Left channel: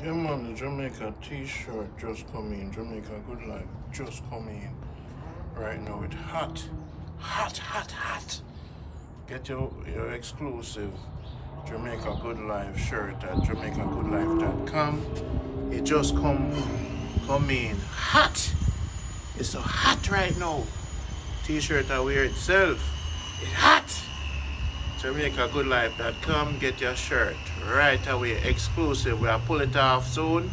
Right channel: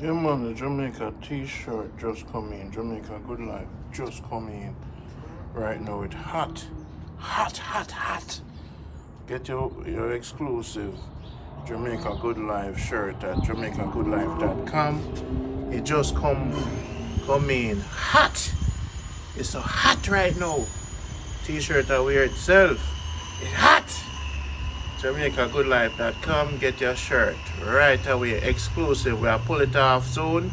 Yeah, man, the Jamaica t-shirt just come in. Jamaica Good Life just come in right now. It's hot. Hot, hot, hot. Get your exclusive Jamaica Good Life shirt at jamaicagoodlife.com. It just come in hot. It's so hot right now. T-shirt I wear itself. It's hot. JamaicaGoodLife.com. Get your shirt right away. Exclusive. We'll pull it off soon.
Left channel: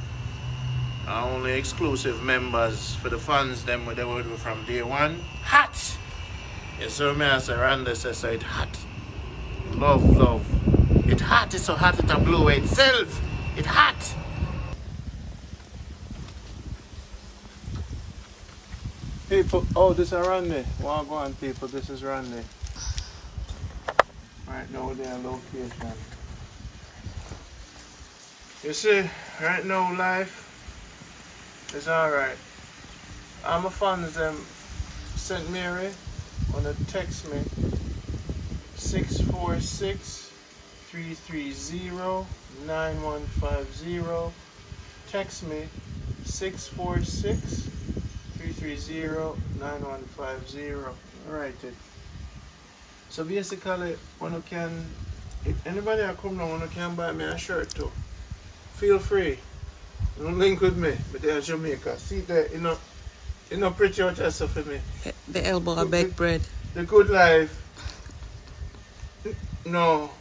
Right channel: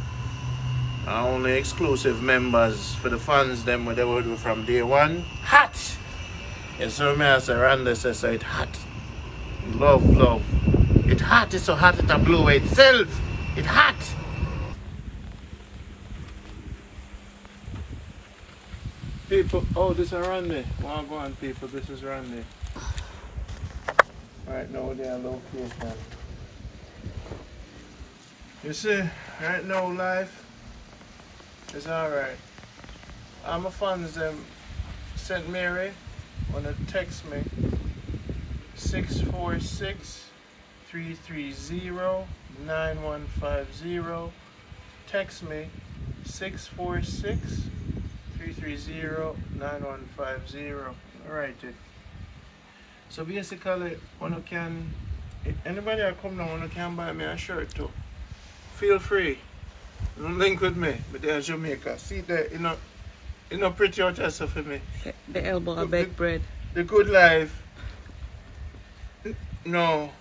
Only exclusive members for the fans. Them they will do from day one. Hot. You see me as a Randy says it's hot. Love, love. It's hot. It's so hot. It's a blue itself. It's hot. People, oh, this is Randy. Well, go on, people. This is Randy. Right now, their location. You see, right now, life is alright. I'm a fans them St. Mary wanna text me 646-330-9150. Text me 646-330-9150. Alright. So basically, one can, if anybody that come down, one can buy me a shirt too. Feel free. Don't link with me, but they're in Jamaica. See there, you know pretty out there for me. The elbow of baked bread. The Good Life. No.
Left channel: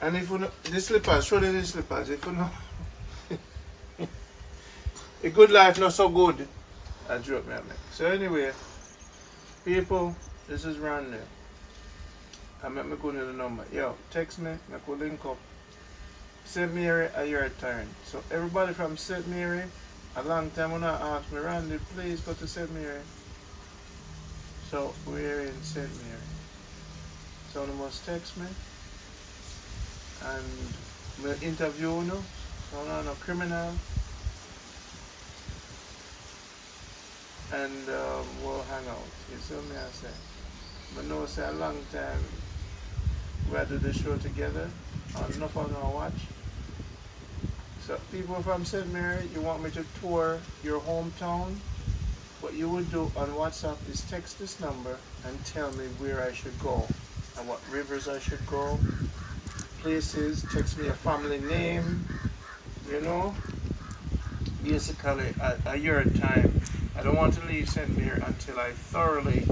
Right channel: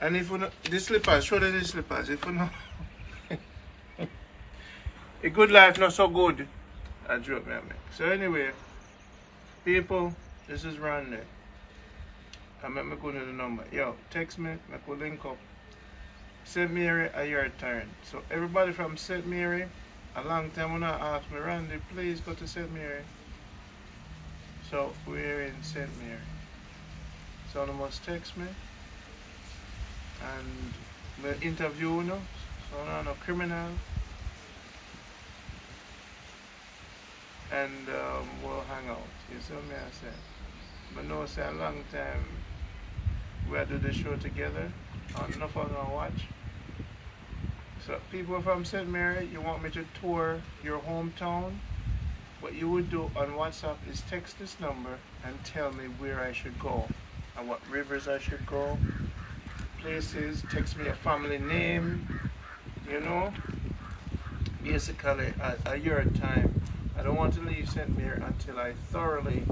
And if you know, the slippers, show them the slippers. If you know, the Good Life not so good. I drop me. So anyway, people, this is Randy. I make me go to the number. Yo, text me, I could link up. St. Mary, a your turn. So everybody from St. Mary, a long time when I asked me, Randy, please go to St. Mary. So we're in St. Mary. So you must text me and we'll interview you. So I'm not no criminal. And we'll hang out. You see what I say? But no, say a long time we do the show together and enough of them watch. So people from St. Mary, you want me to tour your hometown? What you would do on WhatsApp is text this number and tell me where I should go and what rivers I should go, places, text me a family name, you know. Basically at your time. I don't want to leave St. Mary until I thoroughly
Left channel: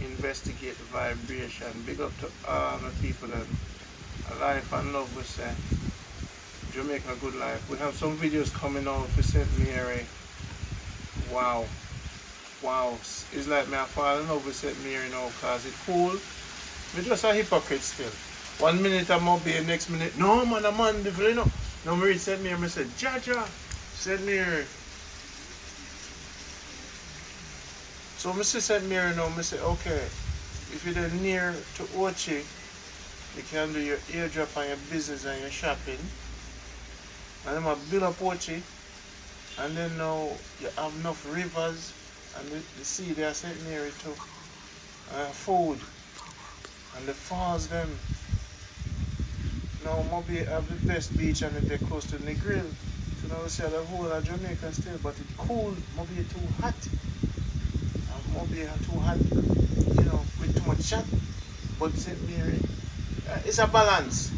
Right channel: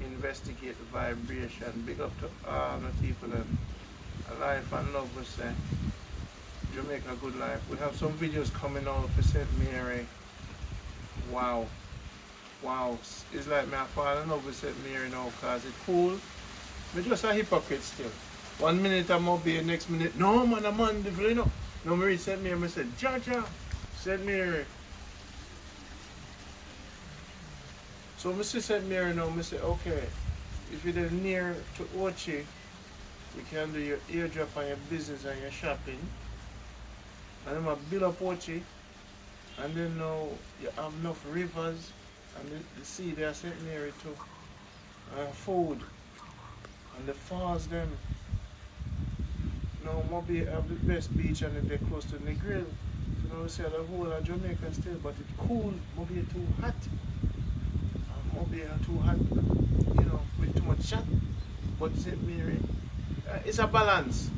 investigate the vibration. Big up to all the people that life and love we say. Jamaica Good Life. We have some videos coming out for St. Mary. Wow. Wow. It's like me I fall in love with St. Mary now because it's cool. I'm just a hypocrite still. 1 minute I'm up here, next minute, no man, I'm on the you know. Now I read St. Mary, I said, Jaja, St. Mary. So I see St. Mary now, I say, okay, if you're near to Ochi, you can do your airdrop and your business and your shopping. And then I build up Ochi. And then now you have enough rivers and the sea there, St. Mary too. And food. And the falls them. Now maybe have the best beach and they're close to the grill. So now we see the whole of Jamaica still, but it's cool, maybe too hot. Maybe too hot, you know, with too much shot. But St. Mary, it's a balance.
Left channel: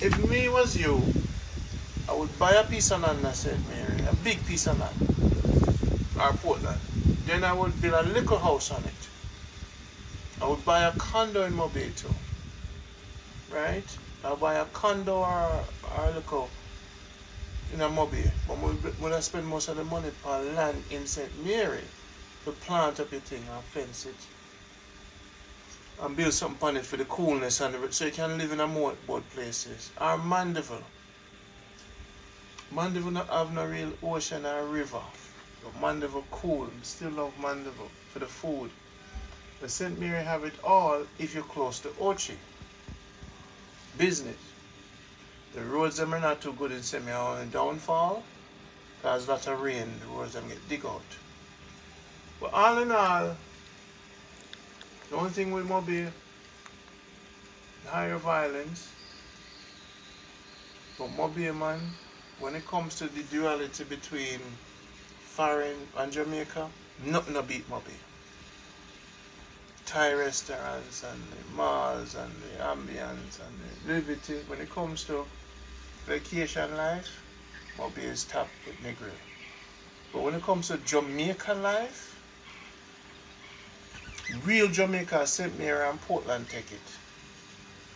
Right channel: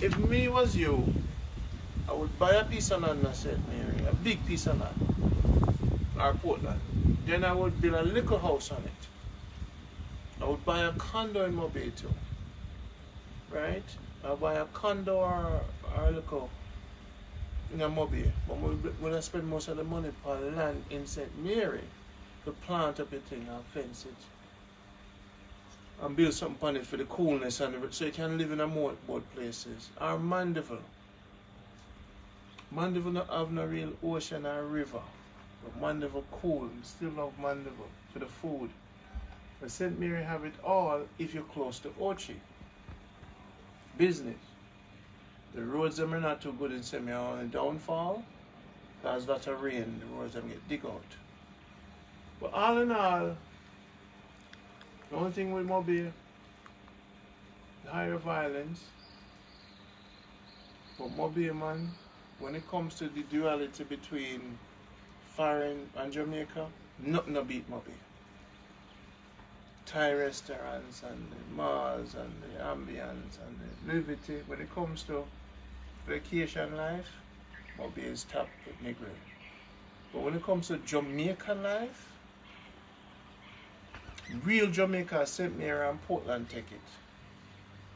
If me was you, I would buy a piece of land at St. Mary, a big piece of land, or Portland. Then I would build a little house on it. I would buy a condo in Mobile too, right? I'll buy a condo or a little in a Mobile. But when I spend most of the money on land in St. Mary, to plant up your thing and fence it and build something on it for the coolness and so you can live in a motorboat places. Or Mandeville. Mandeville not have no real ocean or river. But Mandeville cool. I still love Mandeville for the food. But St. Mary have it all if you're close to Ochi. Business. The roads them are not too good in St. Mary on a downfall. Because lots of rain, the roads them get dig out. But all in all, the only thing with Mobile, higher violence. But Mobile, man, when it comes to the duality between foreign and Jamaica, nothing no beat Mobile. Thai restaurants and the malls and the ambience and the liberty. When it comes to vacation life, Mobile is top with Negro. But when it comes to Jamaican life, real Jamaica, St. Mary and Portland take it.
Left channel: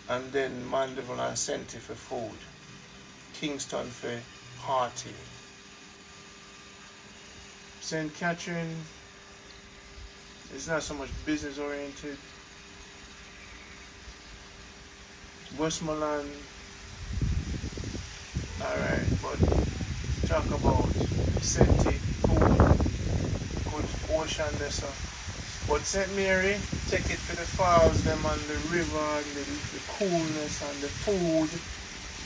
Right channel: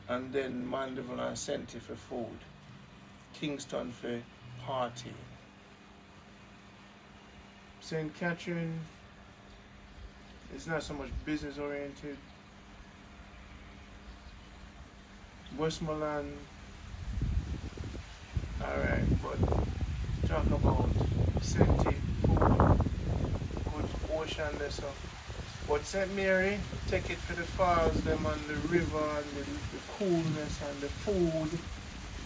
And then Mandeville and Senti for food. Kingston for party. St. Catherine is not so much business oriented. Westmoreland, alright, but talk about Senti, food, good ocean there, so. But St. Mary, take it for the falls, them and the river and the coolness and the food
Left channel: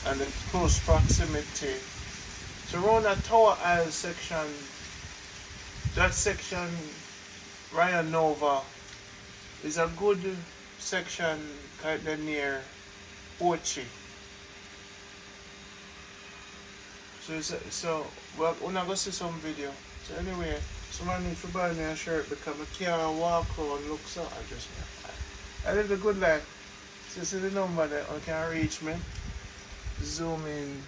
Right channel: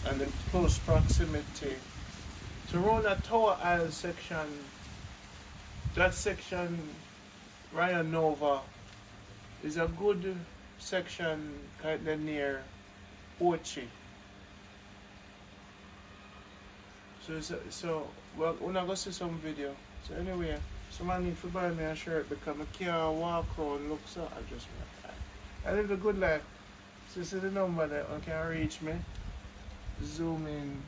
and the close proximity. So around that Tower Isle section, that section, Ryan Nova, is a good section kind of near Ochi. So well, we're not going to see some video. So anyway, someone need to buy me a shirt because I can't walk around look so I live a good life. So you see the number that you can reach me. Zoom in.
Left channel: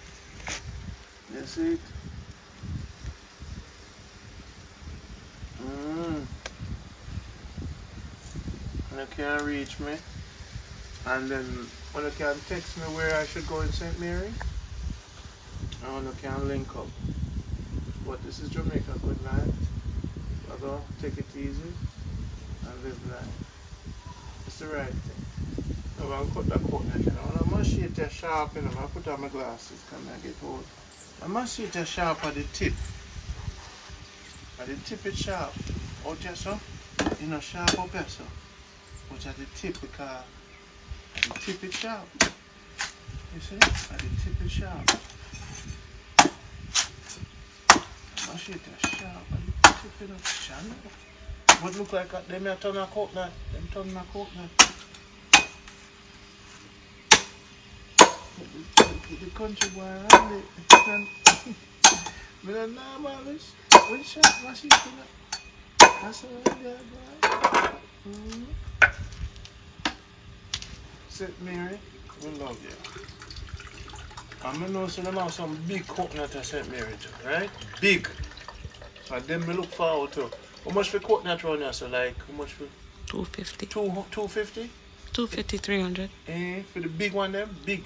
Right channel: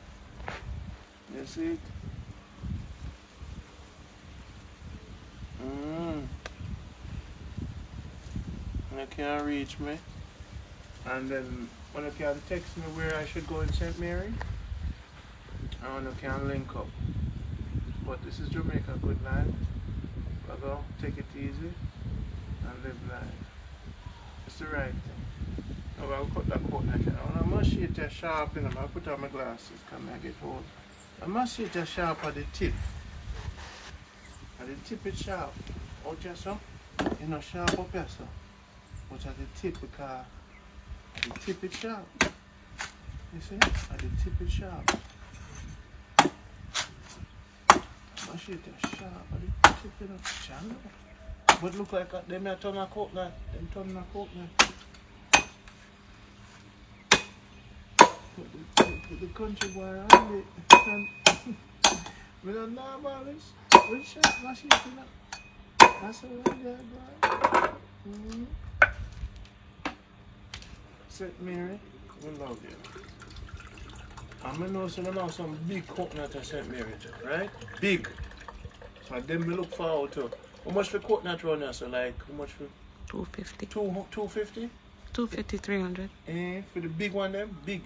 You see it? And you can reach me. And then when you can text me where I should go in St. Mary. And you can link up. But this is Jamaica, good life. I go take it easy and live life. It's the right thing. Now I'll cut that coat now. I'm going to see it sharp, you know. I'll put on my glasses, come and get hold. I'm going to see it sharp at the tip. At the tip it's sharp. Out here so, you know, sharp up here so. But at the tip because at the tip it's sharp. You see? At the tip it's sharp. I see it sharp at the tip, you know, shallow. But look like them a ton of coconut. Them ton of coconut. The country boy around it. I don't know about this. Which shot? What's he doing? That's a right there, boy. St. Mary, we love you. And I know them have some big coconut at St. Mary too, right? Big. And then we look forward to. How much for coconut around here? So like, how much for? 250. 250? 250, 300. For the big one them? Big.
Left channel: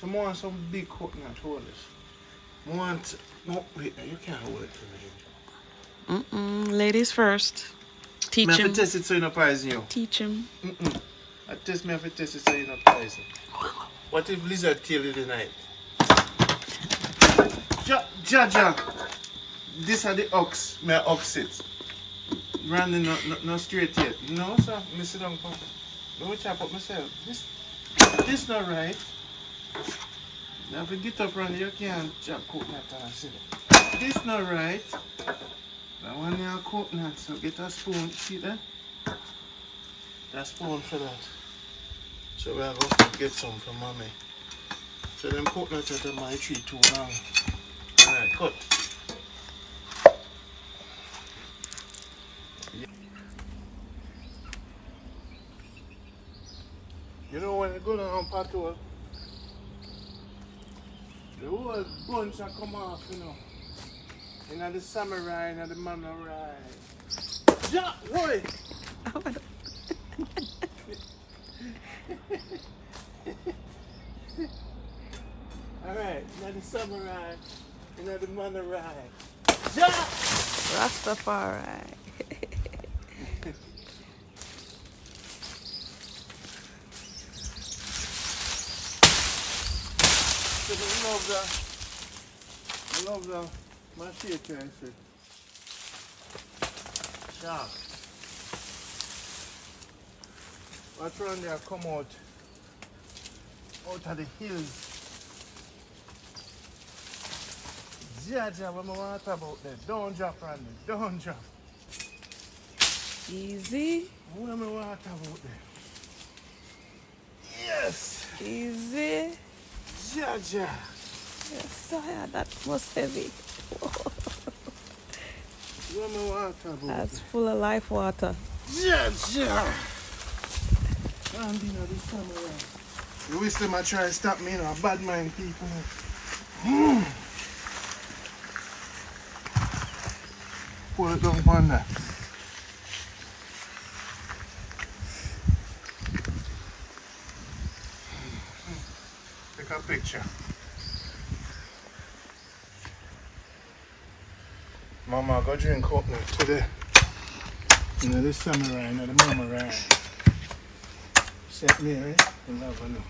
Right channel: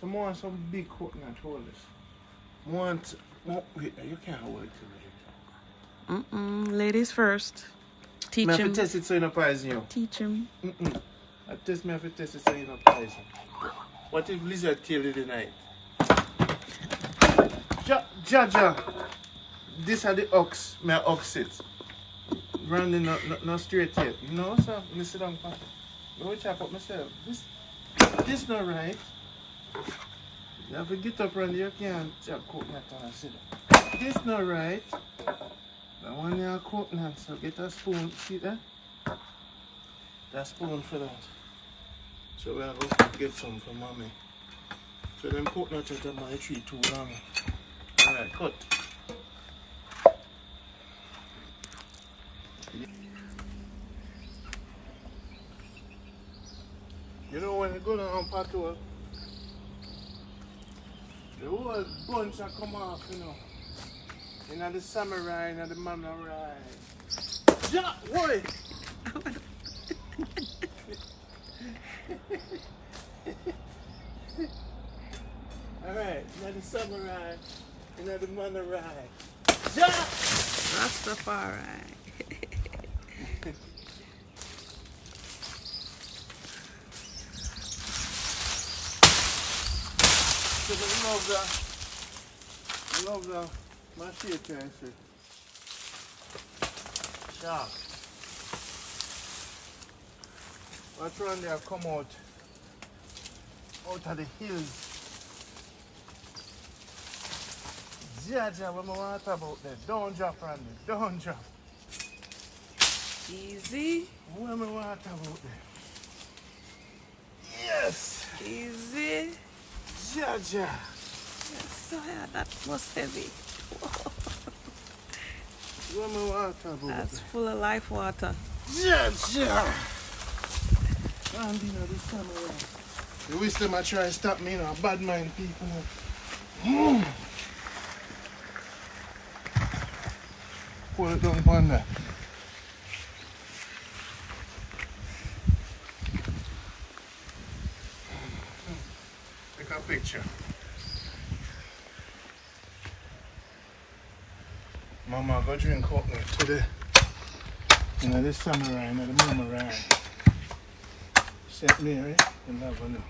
So I want some big coconut holders. Wait, you can't hold it for me. Ladies first. Teach him. I have to test it so you don't poison you. Teach him. I have to test it so you don't poison. What if lizard tail in the night? Ja. This are the ox. My ox sits. Randy not straight yet. No, sir. Me sit down, Papa. Let me chop up myself. This not right. You have to get up, Randy. You can't chop coconut and sit down. This not right. I want your coconut, so get a spoon. See that? That spoon for that. So we are going to get some for mommy. So them coconuts at my tree too long. Alright, cut. You know when you go down patrol, the whole bunch will come off, you know. You know the samurai and the man ride. Yeah, boy! Alright, now the samurai and now the man ride. Yeah! Rastafari. So I love the machete, I see. Sharp. What's around there come out of the hills. Jaja, what I want about that? Don't drop, Randy. Don't drop. Easy. What am I want about that? Yes. Easy. Jaja. So yeah, that was heavy. You want my water, boy? That's full of life water. Yeah. And you know, this time around. You wish them I try to stop me, you know, bad mind people. Pull it down upon that. Take a picture. Mama, go drink hot milk today. You know, this samurai, you know, the mama ride. St. Mary, you never know.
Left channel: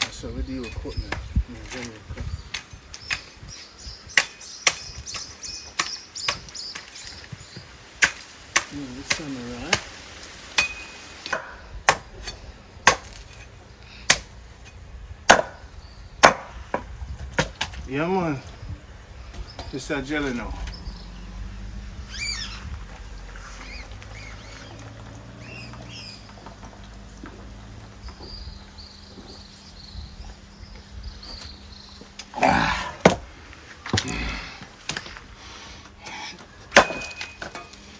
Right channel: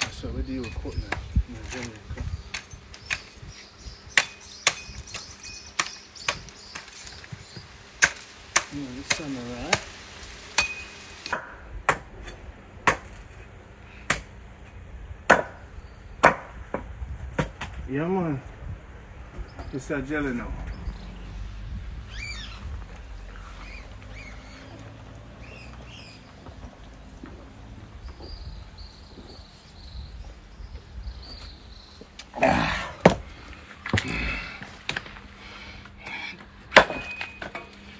That's how we deal with hot milk in Jamaica. You know, this samurai. Yeah, man. This is jelly now.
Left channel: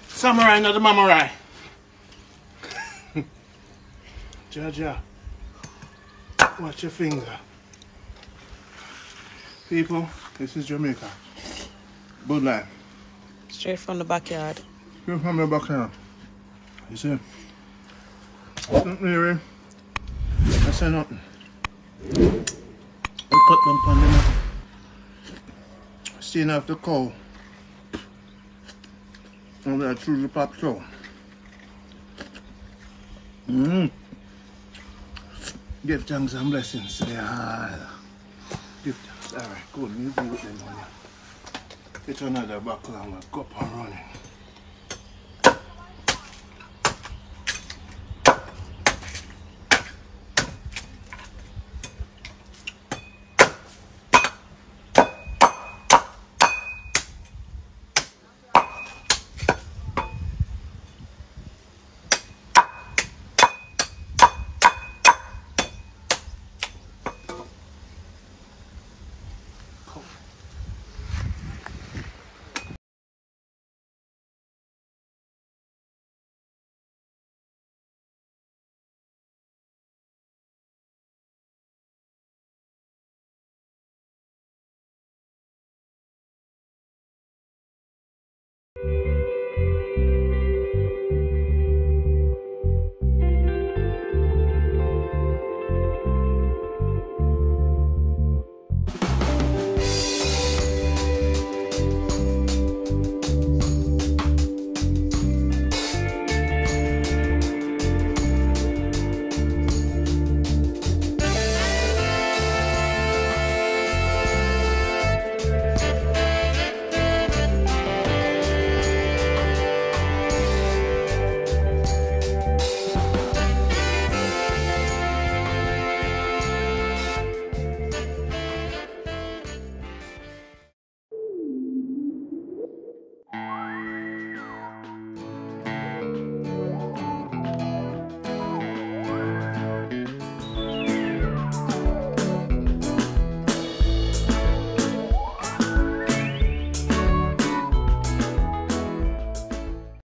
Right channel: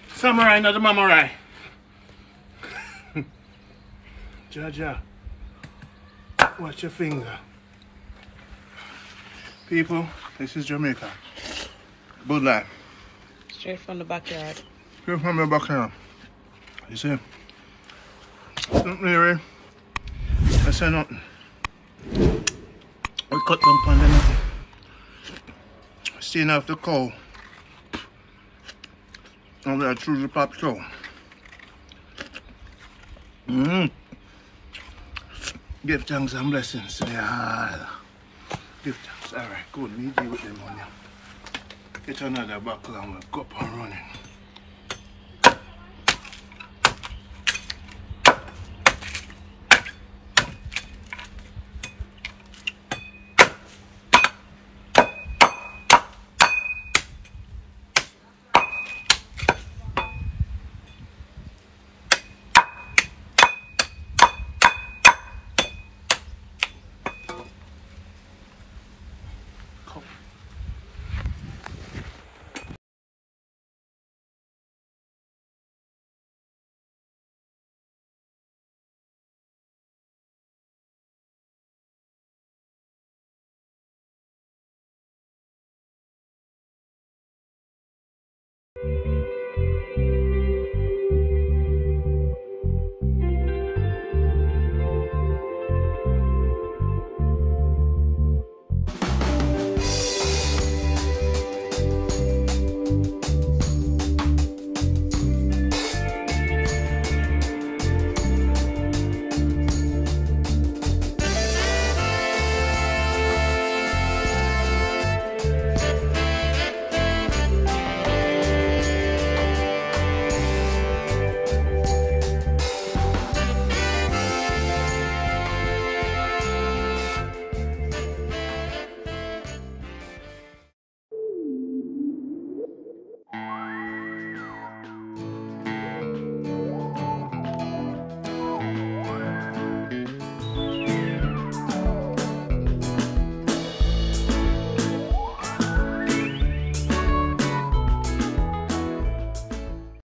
Samurai, not the mamarai. Jaja, watch your finger. People, this is Jamaica. Good life. Straight from the backyard. Straight from the backyard. You see? Don't really. I say nothing. We cut them on them. Seeing off the cow. And we are through the pop show. Give thanks and blessings. Yeah. Give thanks. Alright, good. You deal with them on you. Get another buckle and we'll go up and running.